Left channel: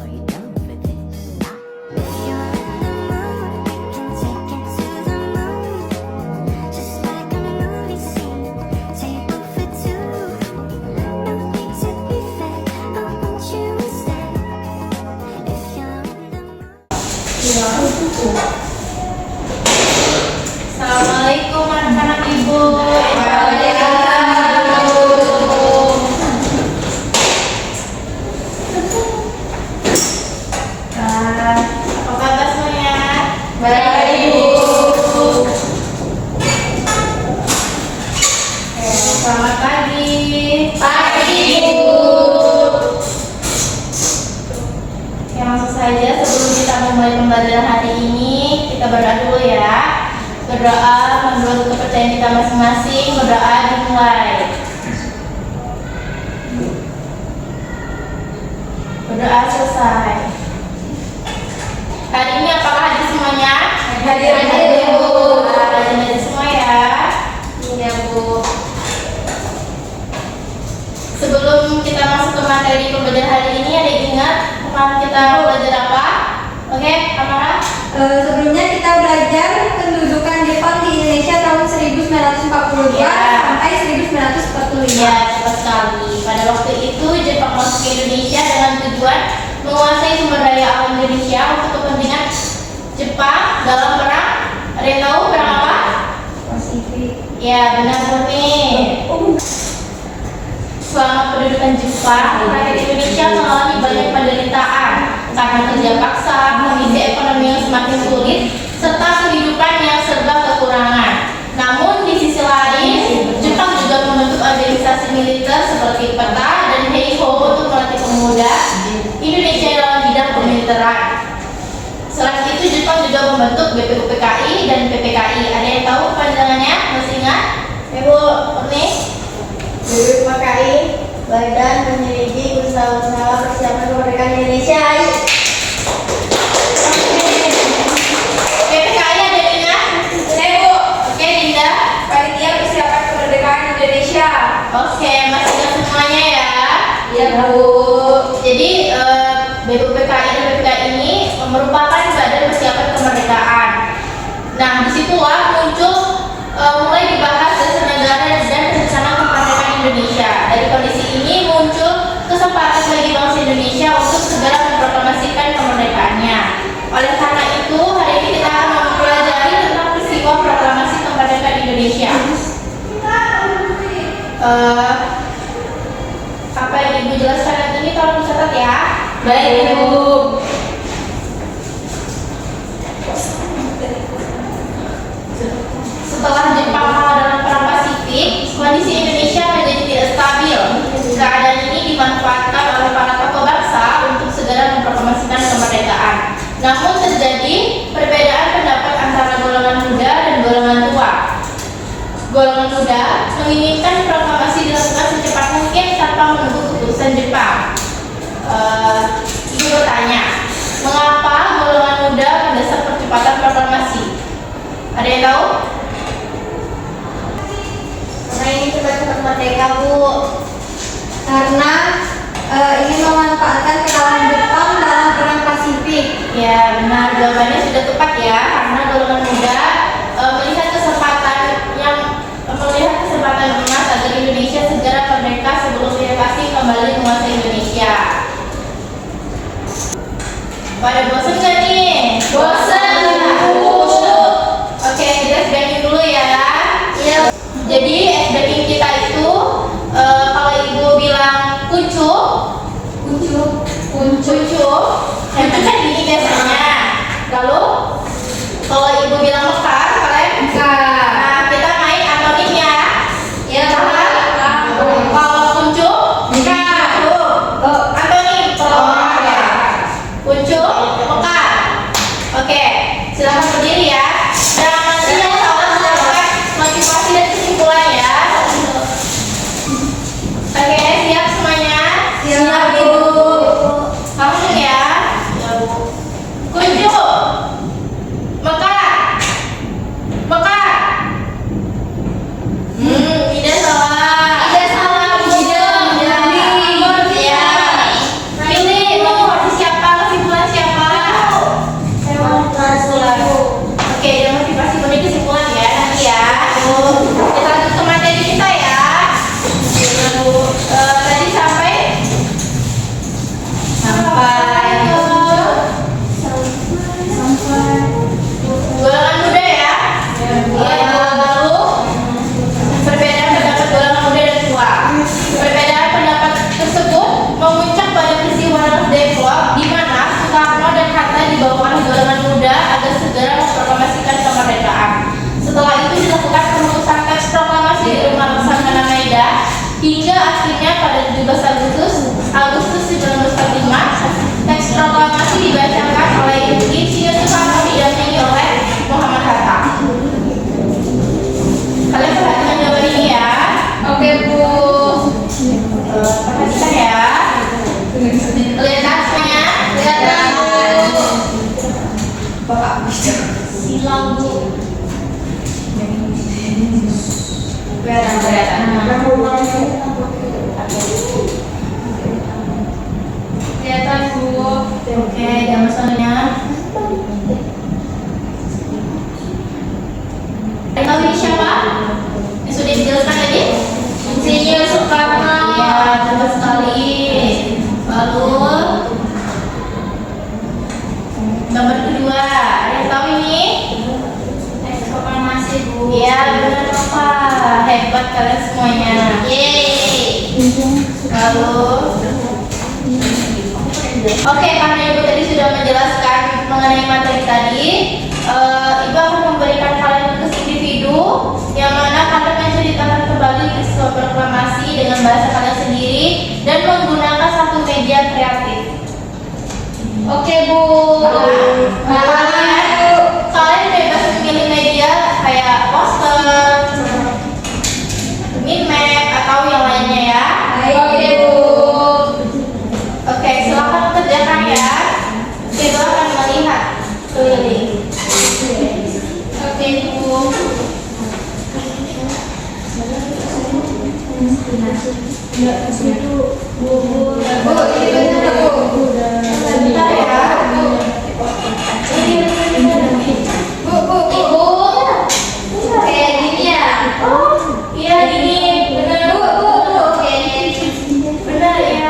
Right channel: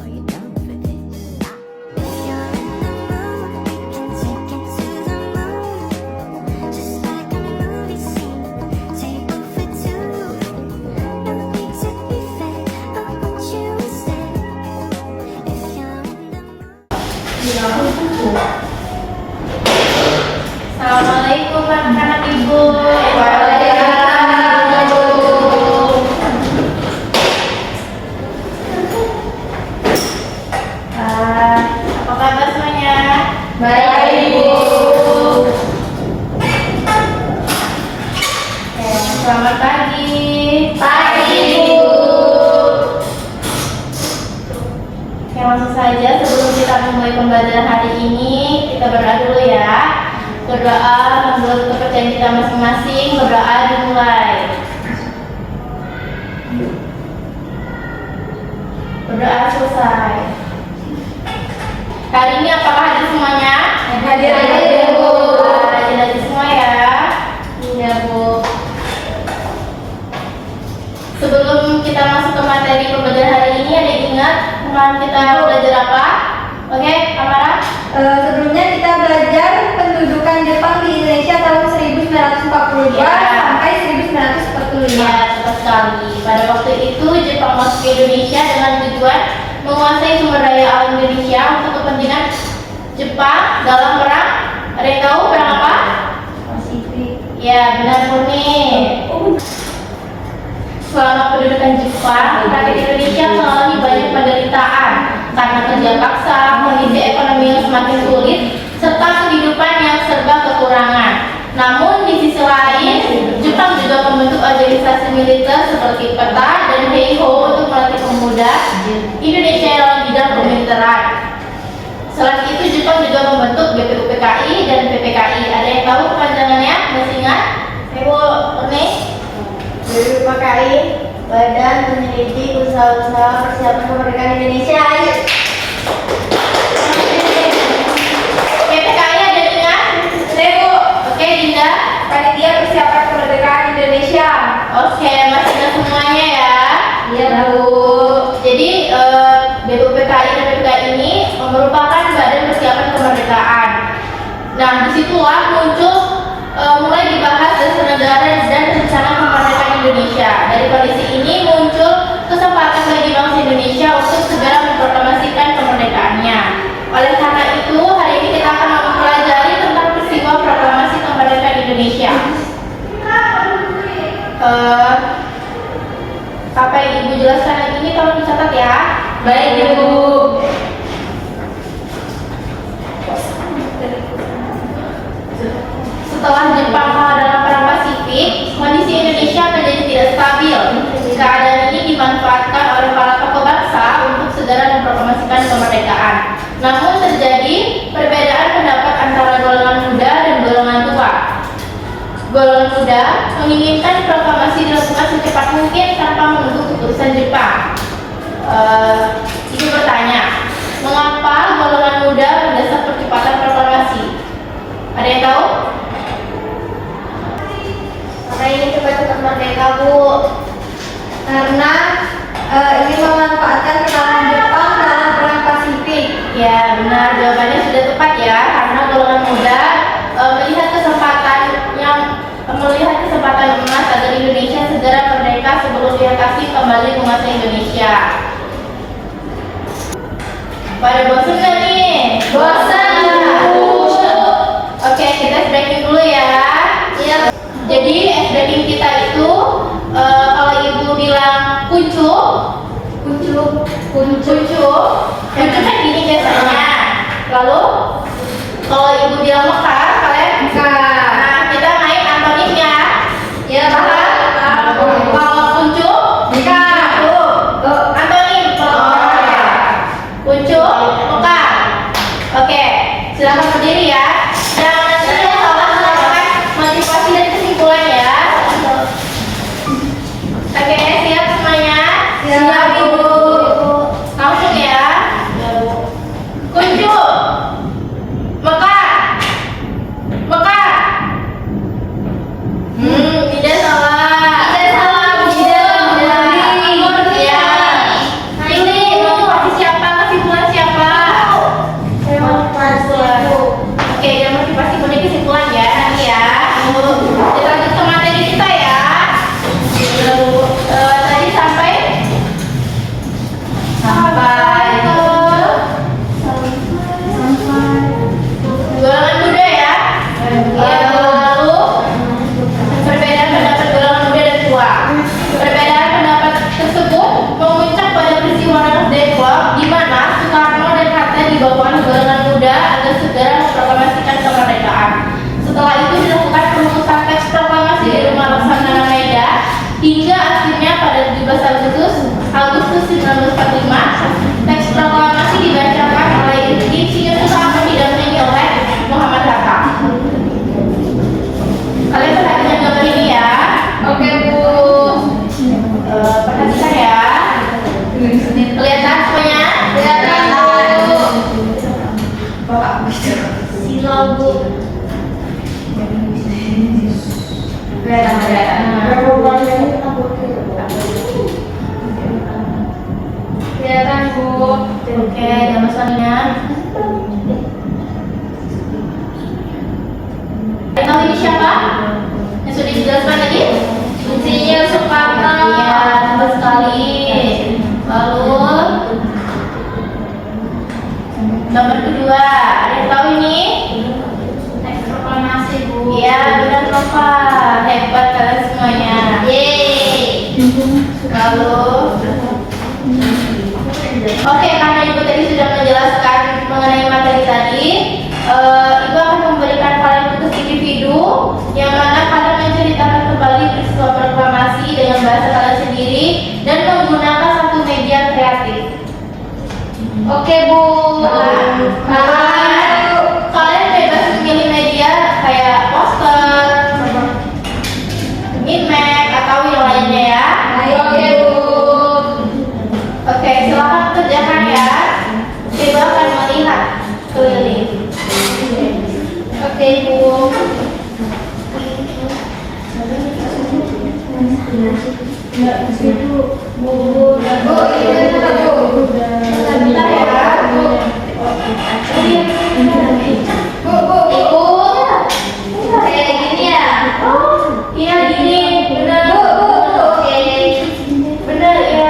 Are you down for this? If you're in the mood, we can take it to the moon. Just like a movie scene, table for two. No need to be fake, I want you to stay. If you're in the mood. Assalamualaikum anak-anak ibu. Apa kabar semuanya? Baik, Ibu. Selamat pagi. Pagi, Ibu. Oke, langsung saja sebelum kita memulai pembelajaran hari ini, kita berdoa dulu ya. Berdoa menurut kepercayaan kita masing-masing. Berdoa dimulai. Berdoa selesai. Hari ini apakah hadir semuanya? Hadir, Bu. Rajin-rajin semua ya. Iya, Bu. Sebelum kita masuk ke materi pembelajaran hari ini, ada yang ingat kemarin kita belajar apa? Oke, Amara? Sebelumnya kita belajar pendudukan Jepang di Indonesia tahun 1942 Ya. sampai 1945. Ya, tepat sekali. Pada waktu itu Jepang masuk ke Indonesia dengan tujuan menguasai sumber daya alam Indonesia untuk kepentingan Jepang dalam perang. Ada yang tahu perang apa? Pasifik. Ya, benar Murni. Selama pendudukan Jepang, rakyat Indonesia mengalami banyak penderitaan karena kerja paksa, kondisi ekonomi yang semakin sulit, serta kehidupan yang serba kekurangan. Namun di sisi lain, Jepang juga membentuk organisasi militer seperti PETA dan Heiho untuk melatih pemuda Indonesia dalam bidang kemiliteran. Selain itu, Jepang juga membentuk BPUPKI dan PPKI. Ada yang tahu kepanjangannya? Masih ingat? Ibu, Murni? BPUPKI, Badan Penyelidik Usaha-usaha Persiapan Kemerdekaan Indonesia. PPKI ada yang ingat? Ibu. Oke, Dinda. Panitia Persiapan Kemerdekaan Indonesia. Oke, masih ingat semuanya ya. Iya, Bu. Jadi BPUPKI dan PPKI ini merupakan badan persiapan kemerdekaan. Nah, disitulah muncul mulai dibahas dasar negara dan rencana kemerdekaan Indonesia. Dari kondisi ini muncul kesempatan bagi bangsa Indonesia untuk segera memproklamasikan kemerdekaannya. Oleh karena itu, hari ini kita akan mempelajari tentang peristiwa proklamasi kemerdekaan Indonesia. Apa yang Ibu jelaskan yang ini tolong dicatat ya. Baik, Ibu. Setelah Jepang kalah dalam perang Pasifik, kondisi Indonesia menjadi tidak stabil. Keadaan ini dimanfaatkan oleh para tokoh bangsa untuk segera memproklamasikan kemerdekaan. Namun terjadi perbedaan pendapat antara golongan muda dan golongan tua. Golongan muda menginginkan proklamasi dilakukan secepat mungkin tanpa menunggu keputusan Jepang. Ibu bertanya, mengapa golongan muda mendesak percepatan proklamasi? Ada yang tahu? Karena ini cepat-cepat merdeka, Bu. Karena ini memanfaatkan kekalahan Jepang dalam perang Pasifik. Ya, benar, jawabannya sudah tepat ya. Karena golongan muda melihat kesempatan emas agar Indonesia segera merdeka sebelum dia pasti kembali menguasai Indonesia. Pada bosan nggak nih? Bosan. Oke, kita breaking dulu ya. Iya. Jadi breaking kita itu kalau Ibu bilang kuncup itu kan gini biasanya. Lalu kalau Ibu bilang mekar, kalian Mekar. Nah, kita main antonim ya. Iya, Paham? Kalau kuncup, mekar. Antonim ya. Kuncup, mekar. Oke, silakan berdiri ya. Dan nantinya tolong melakukan motivasi dan kesimpulan ya. Oke, siap semuanya? Siap, Bu. Langsung ya. Kuncup, mekar. Kelihatan Bu. Oke, dan masalahnya. Tahu ini siapa? Yang sudah dijelaskan tadi? Insinyur Soekarno. Iya, tepat sekali. Lalu gambar kedua, ada yang tahu ini? Teks proklamasi Bu. Iya, benar Bapak. Hebat kalian semuanya. Yeay. Lalu oke, karena Ibu tadi sudah menjelaskan mengenai materi tadi, Ibu akan memberikan kalian tugas individu yang mana kalian menceritakan kembali peristiwa proklamasi dengan bahasa kalian sendiri dan menggunakan satu media kreatif. Oke Bu. Kalian bebas memilih media kayak poster, minmap atau yang lainnya ya. Oke Bu. Oke, silakan kerjakan ya. Coba akan melihat keliling. Oke Bu. Bu, Sebentar ya. Ibu. Kayak gini ya. Oh, iya gini, benar. Oke. Benar ya.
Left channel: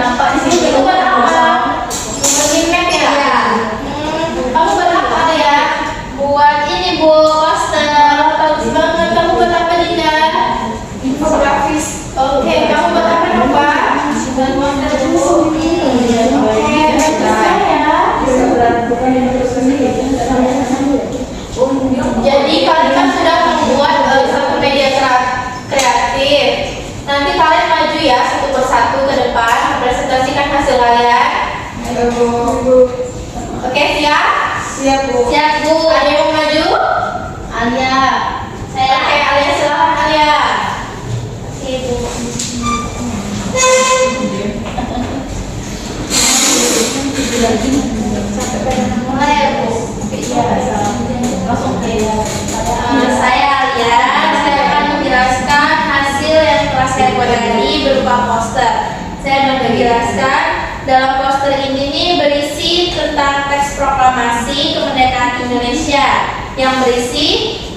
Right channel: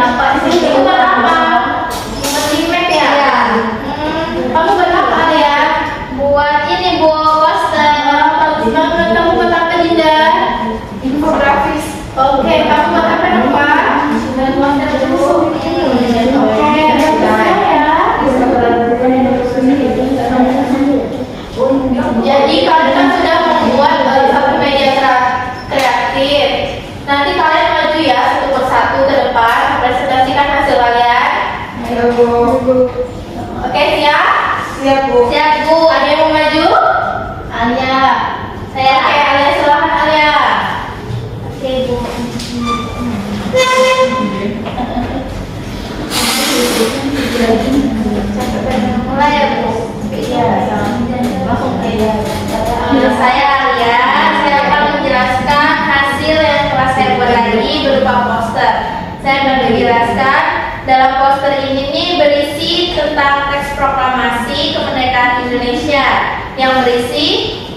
Nampak di sini kita apa? Minmap ya. Iya. Kamu buat apa ya? Buat ini Bu, poster. Bagus banget. Kamu buat apa Dinda? Infografis. Oke, kamu buat apa dong Pak? Oke, bagus ya. Jadi kalian kan sudah membuat satu media kreatif. Nanti kalian maju ya satu persatu ke depan, presentasikan hasil kalian. Oke, siap? Siap Bu. Ada yang mau maju? Alia. Saya. Oke, Alia silakan Alia. Oke Bu. Mulai ya Bu. Iya, langsung ke Nama saya Alia. Saya akan menjelaskan hasil yang telah saya buat tadi berupa poster. Saya akan menjelaskan dalam poster ini nih berisi tentang teks proklamasi kemerdekaan Indonesia yang berisi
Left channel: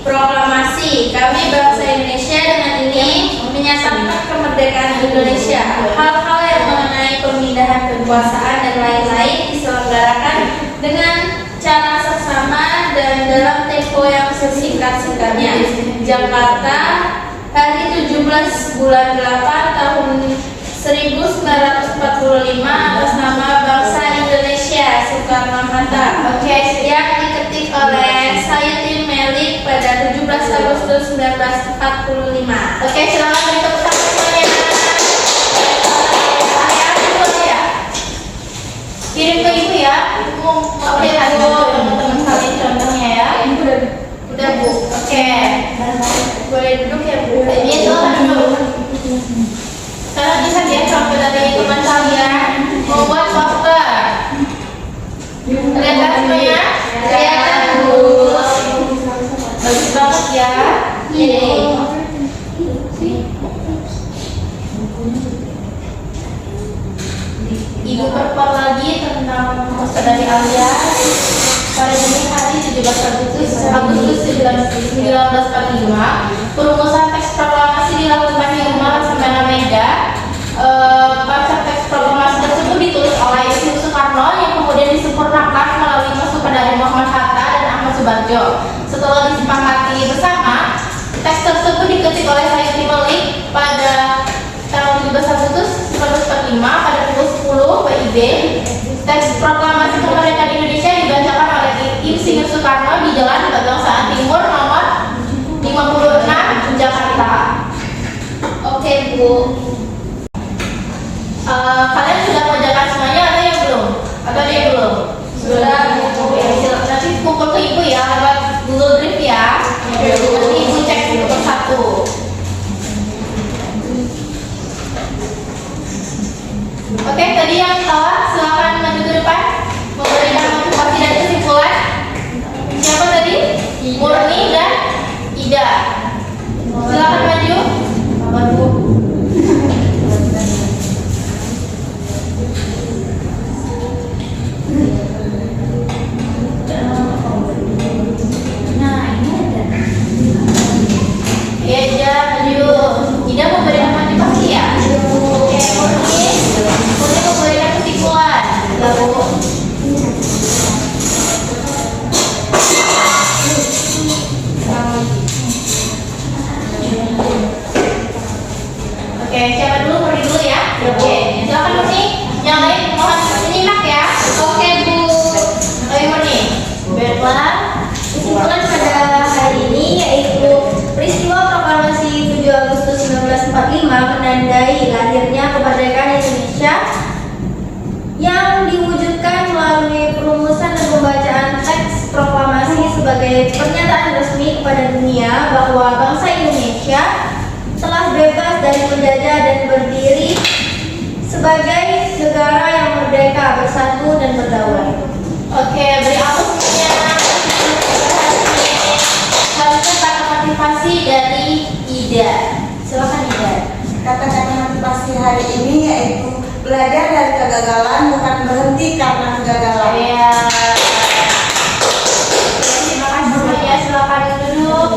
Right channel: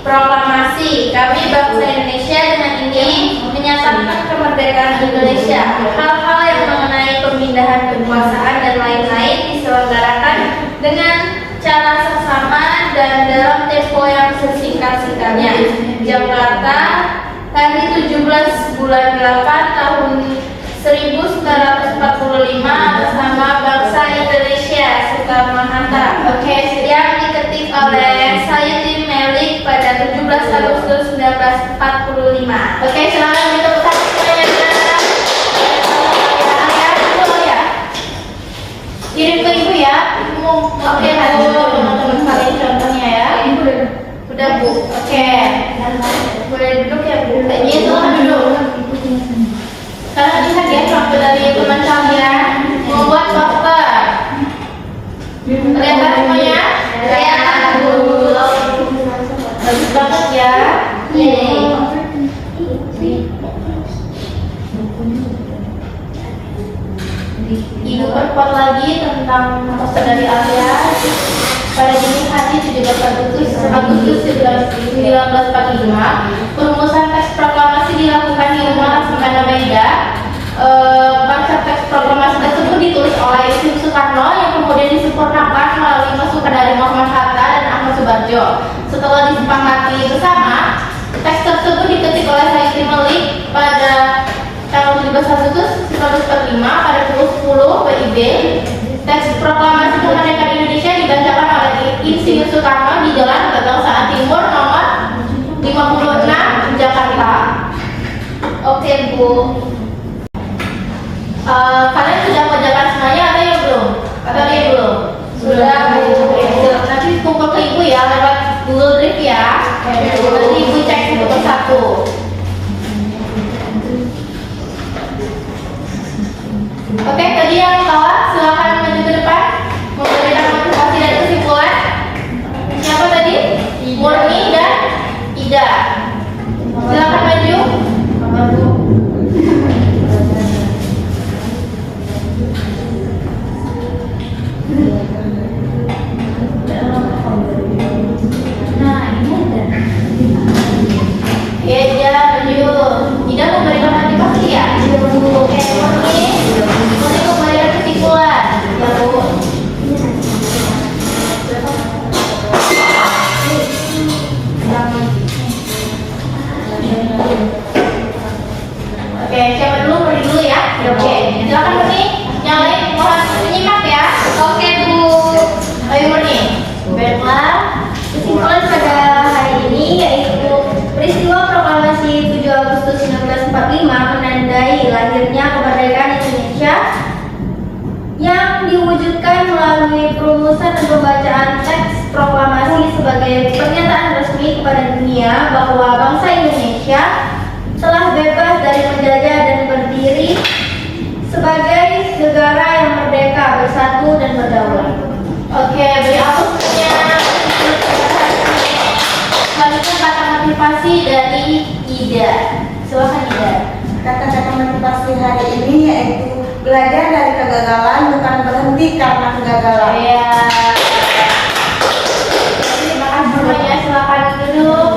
proklamasi kami bangsa Indonesia dengan ini menyatakan kemerdekaan Indonesia. Hal-hal yang mengenai pemindahan kekuasaan dan lain-lain diselenggarakan dengan cara seksama dan dalam tempo yang sesingkat-singkatnya. Jakarta, hari 17 bulan 8 tahun 1945 atas nama bangsa Indonesia Soekarno-Hatta. Oke, Yang diketik oleh Sayuddin Melik pada 17 Agustus 1945. Oke, silakan beri tepuk tangan semuanya. Alia, dulu ya. Kirim ke ibu ya. Ibu mau update hasil teman-teman kalian contohnya ya. Udah Bu. Oke. Boleh duduk ya Bu. Iya, silakan duduk. Sekarang lihat ya contoh dari teman kalian membuat poster. Kelihatan semuanya? Kelihatan Bu. Bagus banget ya. Yeay. Ibu perkuat lagi tentang poster dari Alia. Pada dini hari 17 Agustus 1945, perumusan teks proklamasi dilakukan di Rumah Laksamana Mega. Baca teks proklamasi tersebut ditulis oleh Insinyur Soekarno yang kemudian disempurnakan melalui masukan dari Muhammad Hatta dan Ahmad Subarjo. Setelah disepakati bersama, teks tersebut diketik oleh Sayuddin Melik pada tanggal 17 Agustus 1945 pada pukul 10 WIB. Teks proklamasi kemerdekaan Indonesia dibacakan oleh Insinyur Soekarno di Jalan Bagangsaan Timur nomor 56 Jakarta. Oke Bu. Kalian sudah mengerjakan semuanya atau yang belum? Atau ada yang belum? Sudah. Nanti kumpul ke ibu ya lewat Google Drive ya. Nanti ibu cek satu persatu. Oke, tadi yang kalah silakan maju ke depan memberikan motivasi dan kesimpulan. Siapa tadi? Murni dan Ida. Silakan maju. kepada dunia bahwa bangsa Indonesia telah bebas dari penjajah dan berdiri sebagai negara yang merdeka, bersatu, dan berdaulat. Oke, beri aplausnya. Selanjutnya kata motivasi dari Ida. Silakan Ida. Kata-kata motivasi hari ini yaitu belajar dari kegagalan, bukan berhenti karena kegagalan. Ya. Terima kasih semuanya. Silakan duduk.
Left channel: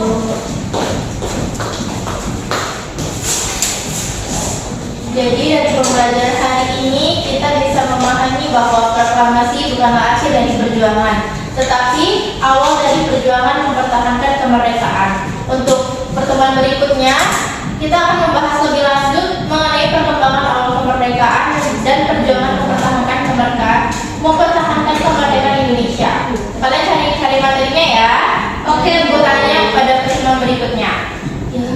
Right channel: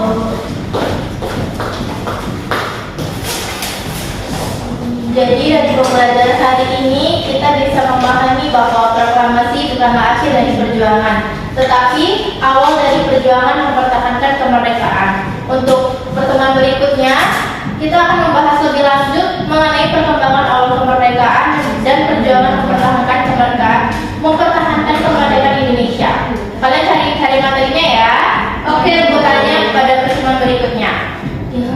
Jadi dari pembelajaran hari ini kita bisa memahami bahwa proklamasi bukanlah akhir dari perjuangan, tetapi awal dari perjuangan mempertahankan kemerdekaan. Untuk pertemuan berikutnya, kita akan membahas lebih lanjut mengenai perkembangan awal kemerdekaan dan perjuangan mempertahankan kemerdekaan Indonesia. Kalian cari materinya ya. Oke, bukannya pada pertemuan berikutnya. Ya.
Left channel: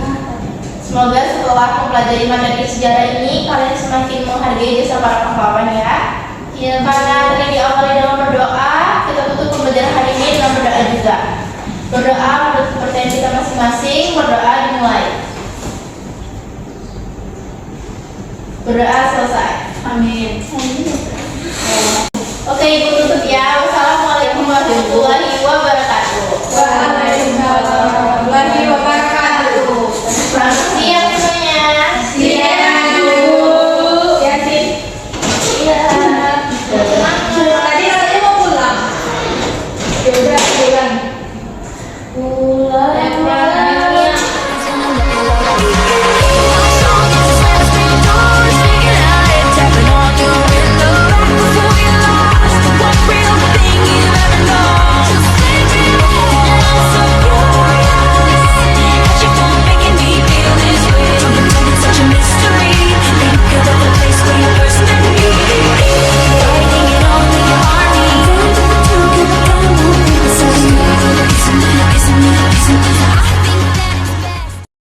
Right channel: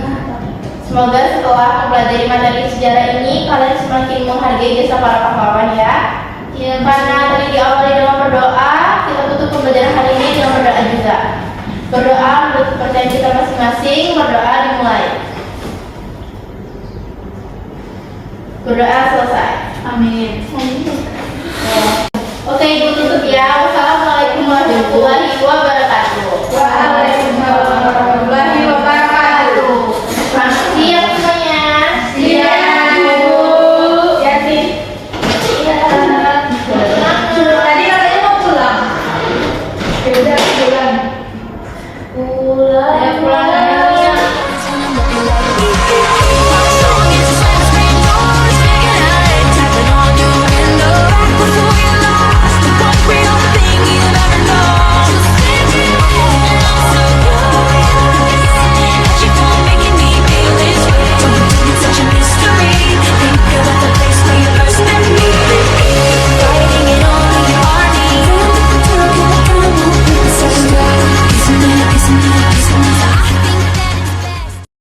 Semoga setelah mempelajari materi sejarah ini, kalian semakin menghargai jasa para pahlawan ya. Karena tadi diawali dengan berdoa, kita tutup pembelajaran hari ini dengan berdoa juga. Berdoa menurut kepercayaan kita masing-masing, berdoa dimulai. Berdoa selesai. Amin. Oke, Ibu tutup ya. Wassalamualaikum warahmatullahi wabarakatuh.